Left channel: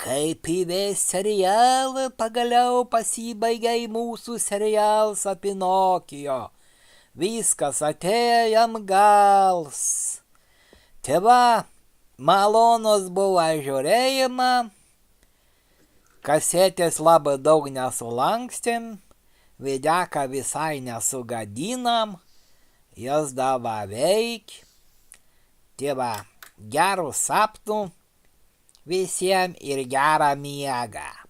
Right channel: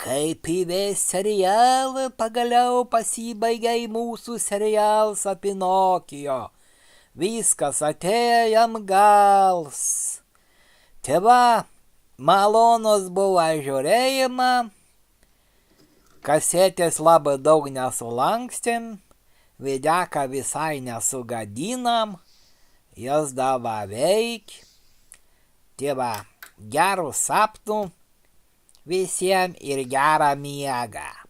Kaip įves serialą, pagaliau pasibaigė mūsų serialas apie Nokijo. Viskas atėjo jam gals. Tai va, malonus buvo žiūrėjimą, kasetės labai daug nesulankstėm, videką visai nesugadinam, jos dava veik. Tai va, gerų sapnų visiems ir gerą miegą.